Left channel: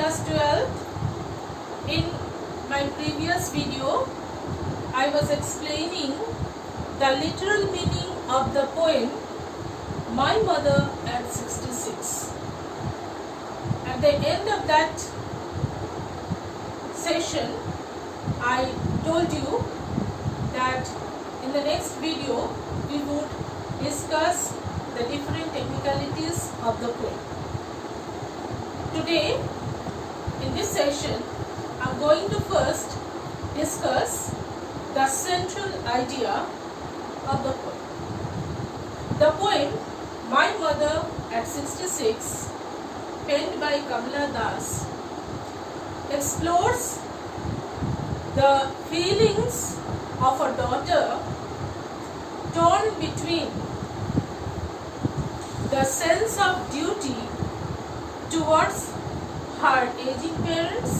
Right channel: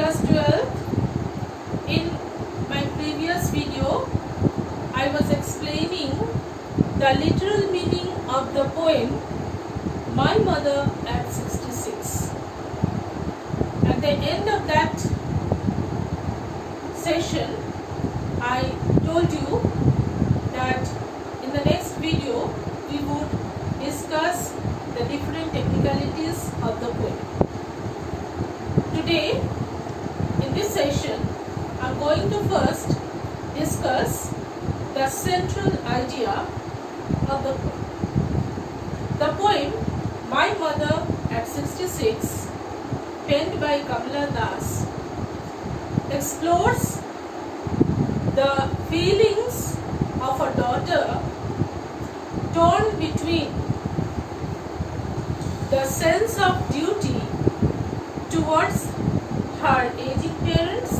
class 12. In my previous video, I was explaining the literal meaning of the poem My Mother at 66. At the end of that session, I told you that in the next video we would discuss the different technicalities of the poem. Today, in this session, I am going to first discuss the central idea of the poem. The poem My Mother at 66, penned by Kamala Das, explores the feelings of a daughter torn between the sense of duty towards her aging parents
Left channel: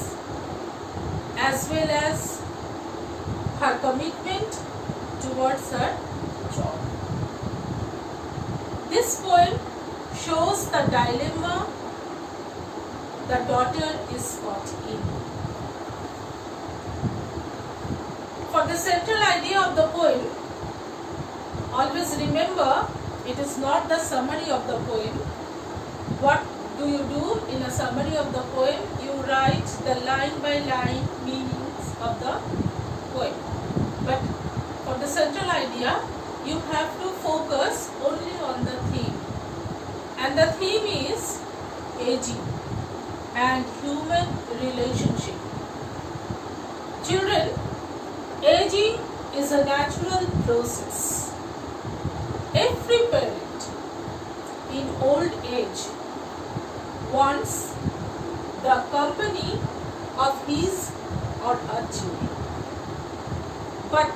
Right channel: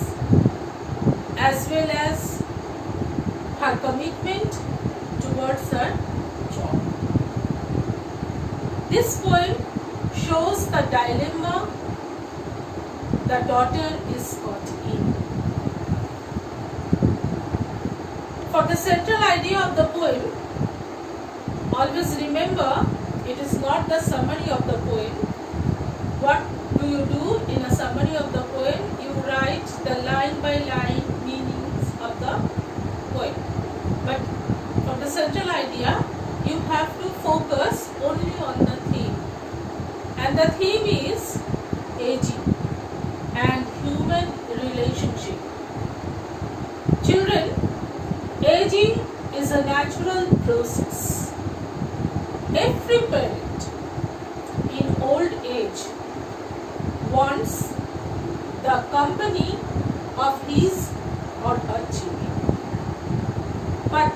as well as her commitment towards her job. This poem shows the dilemma the daughter is caught in. For the central idea of the poem, always remember it is not the summary of the poem. What do you do in a summary of the poem? You write the line by line meanings of the poem. But for the central idea, you have to focus only on the theme. And the theme is aging and human relationship. Children, aging is a natural process. Every parent in old age wants the company of his or her children. But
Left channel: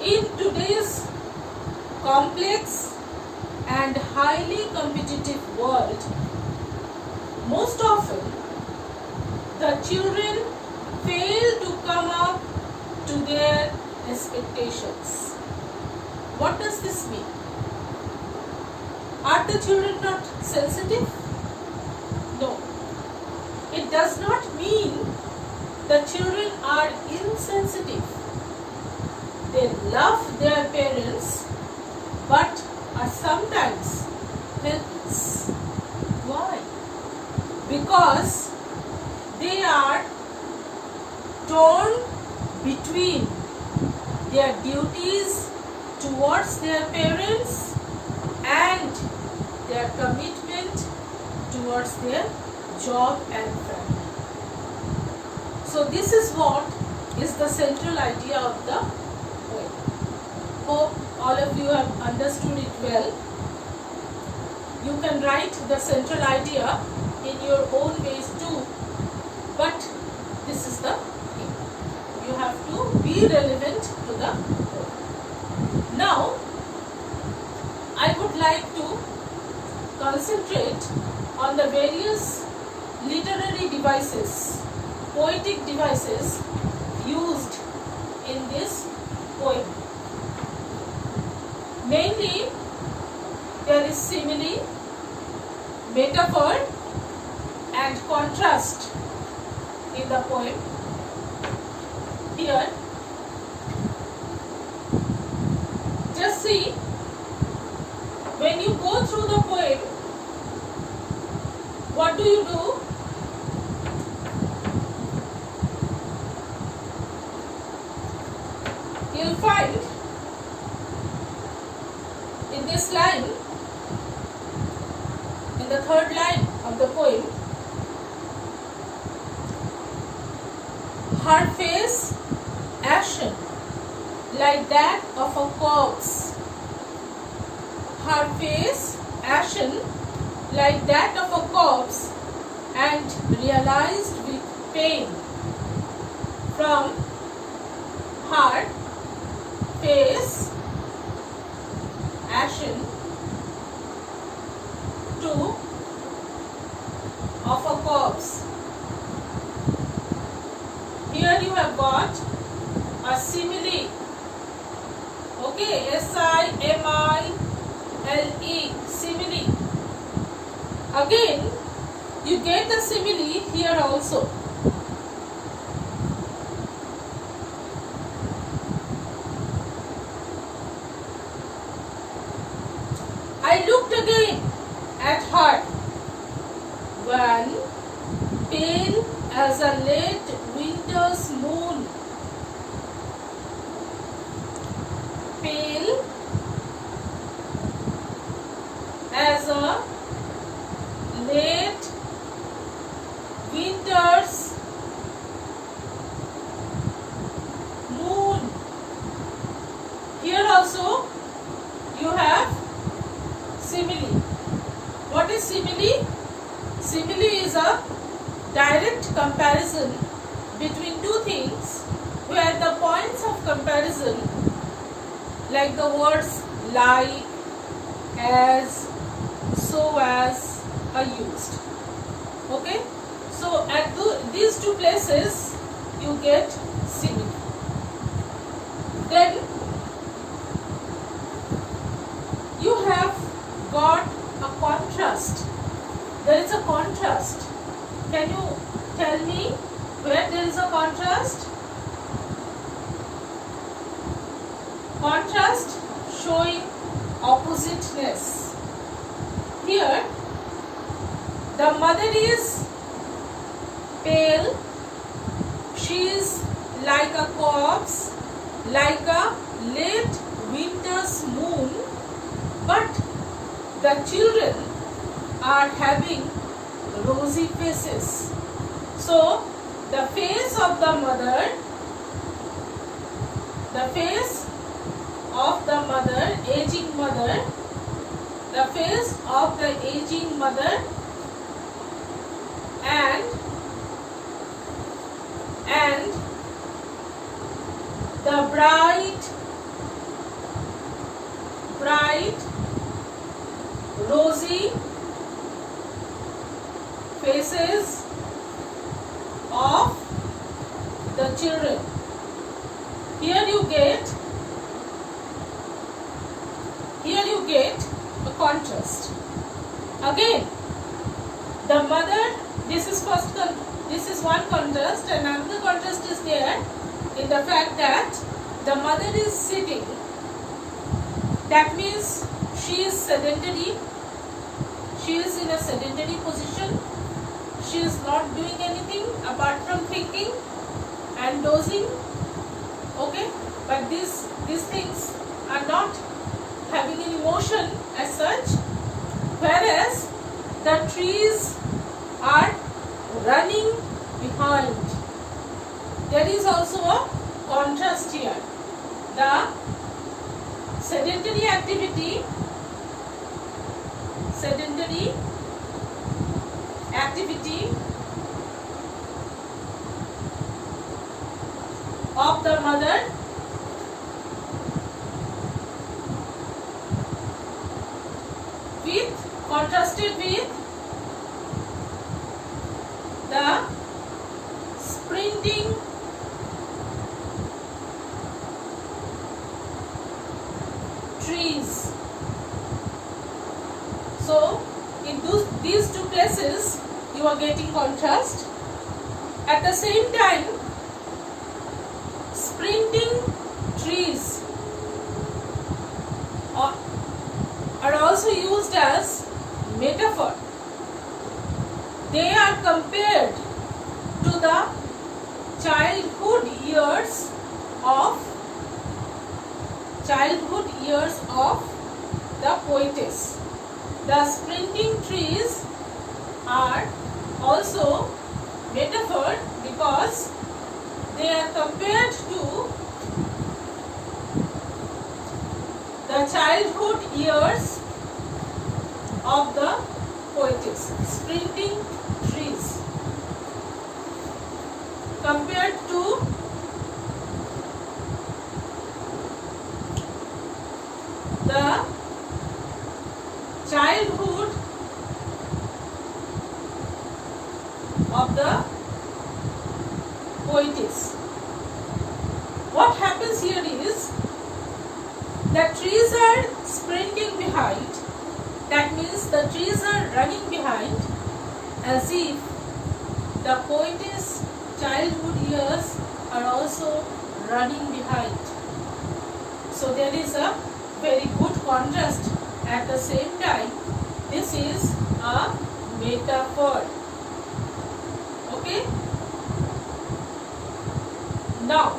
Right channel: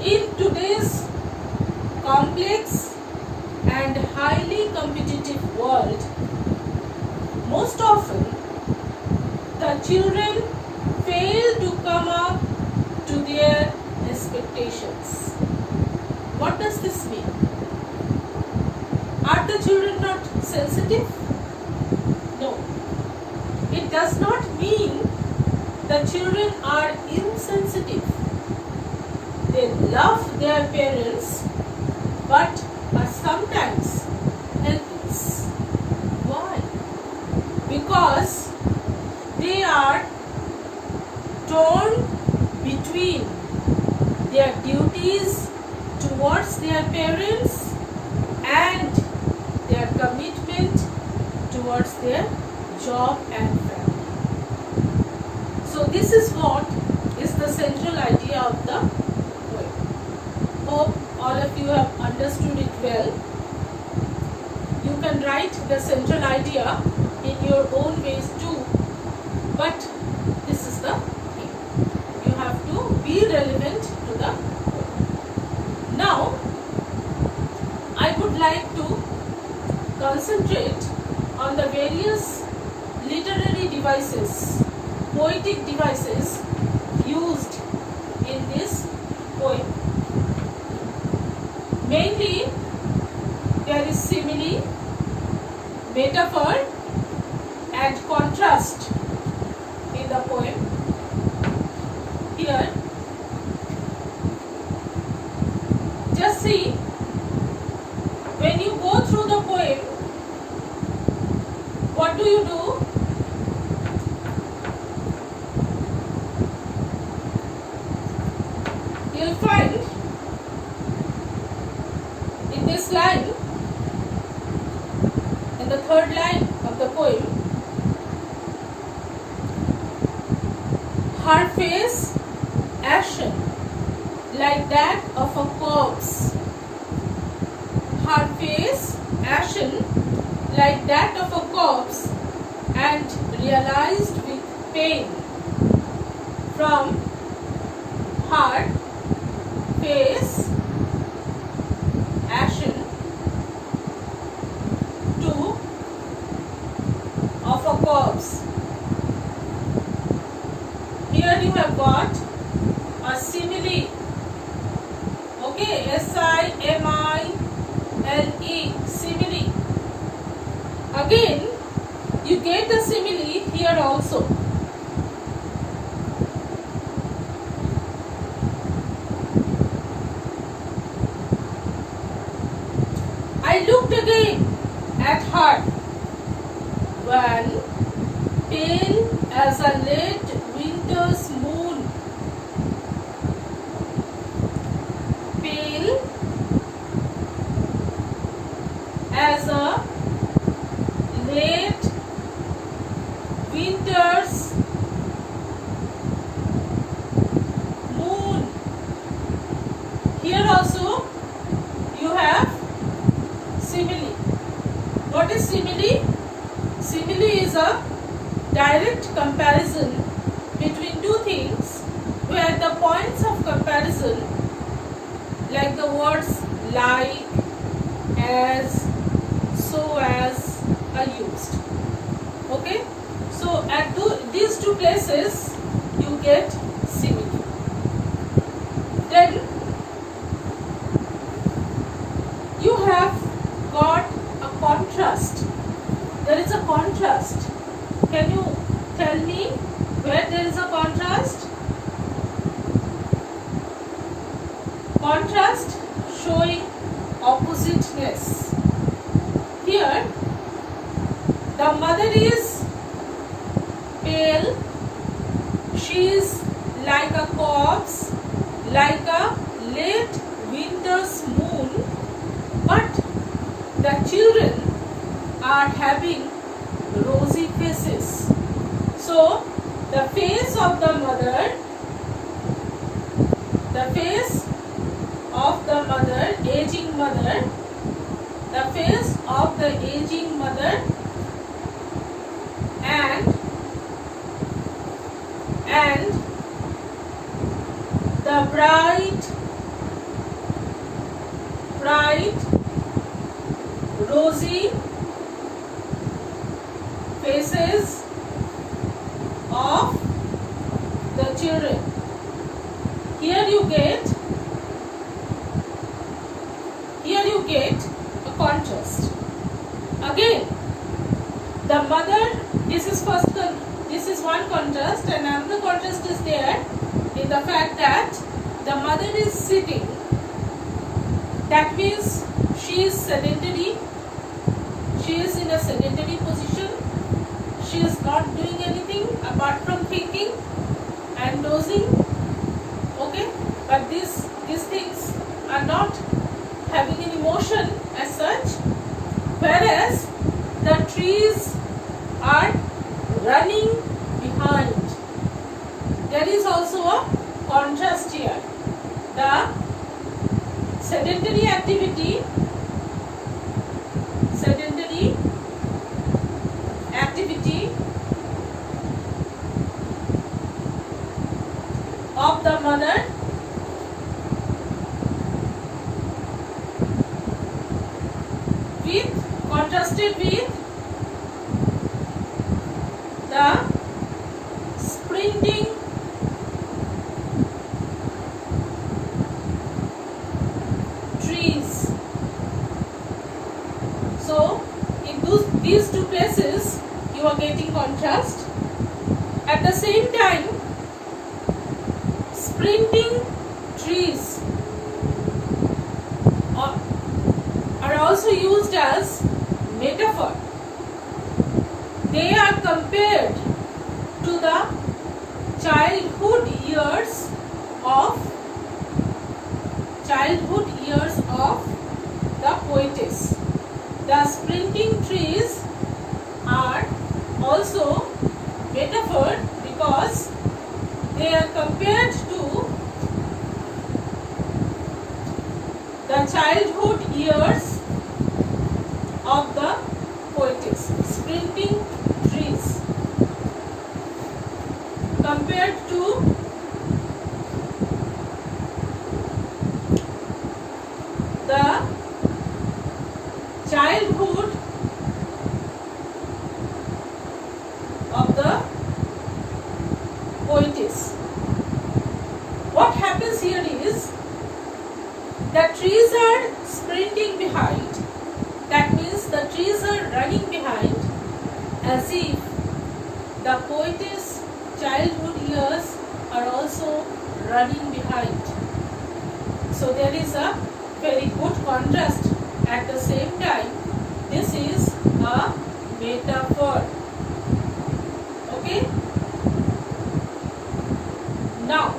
in today's complex and highly competitive world, most often the children fail to come up to their expectations. What does this mean? Are the children not sensitive? No. It does not mean the children are insensitive. They love their parents but are sometimes helpless. Why? Because they are torn between their duties towards their parents and their commitment towards their job and family. So this is what is the central idea of the poem. Hope all of you have understood it well. You can write the central idea in your own ways too, but this is the thing. You have to be relevant to the poem. Now, I would like to concentrate on the various literary devices, poetic devices used in this poem. Mainly, there is simile, metaphor and contrast in the poem. Here, just see, when you go through the poem, what do? You'll find in this line, in the third line of the poem, her face ashen like that of a corpse. Her face ashen like that of a corpse and realized with pain. From her face ashen to of a corpse. Here you have got a simile. Okay, S-I-M-I-L-E, simile. Again, You get the simile here also. I looked again at her, one pale as a late winter's moon, pale as a late winter's moon. Here also you have simile. What is simile? Simile is a direct comparison between two things where the points of comparison, like the words like, as, so as, are used. Okay? So at these two places you get simile. Then you have got a contrast. There is a contrast. Can you tell me where there is a contrast? Contrast showing oppositeness. Here the mother is pale, she is like a corpse, like a late winter's moon, but the children are having rosy faces. So the face of the mother, aging mother, the face of the aging mother and the bright rosy faces of the children. Here you get a contrast. Again, the mother, this is one contrast, and another contrast is there in the fact that the mother is sitting. That means she is sedentary. She is in a sedentary position. She is not doing anything apart from thinking and dozing. Okay, but these things are not having an emotion as such, whereas the trees are running behind. There is also a contrast here. The sedentary activity of the mother contrasted with the sprinting trees. So in these two places you are getting contrast. At the same time, sprinting trees are also used as metaphor. They are compared to the childhood years of the poetess. The sprinting trees are also metaphor because they are compared to the childhood years of the poetess. Sprinting trees compared to the childhood of the poetess. What happens here is the trees are sprinting behind. That means the trees are running behind, as if the poet's childhood years are also running behind. So there is a very good contrast. At the same time, this is a metaphor. Okay? Now,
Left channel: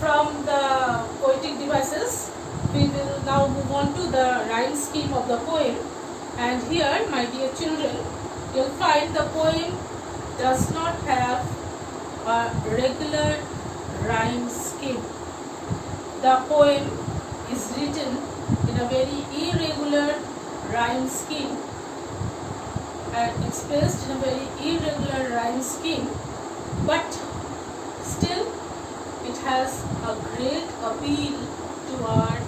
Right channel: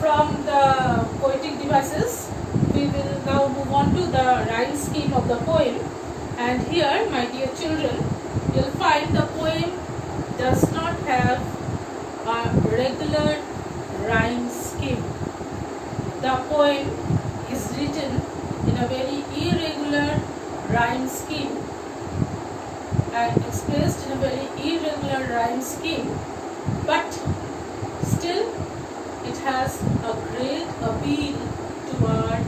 from the poetic devices, we will now move on to the rhyme scheme of the poem. And here, my dear children, you'll find the poem does not have a regular rhyme scheme. The poem is written in a very irregular rhyme scheme and expressed in a very irregular rhyme scheme, but still it has a great appeal to our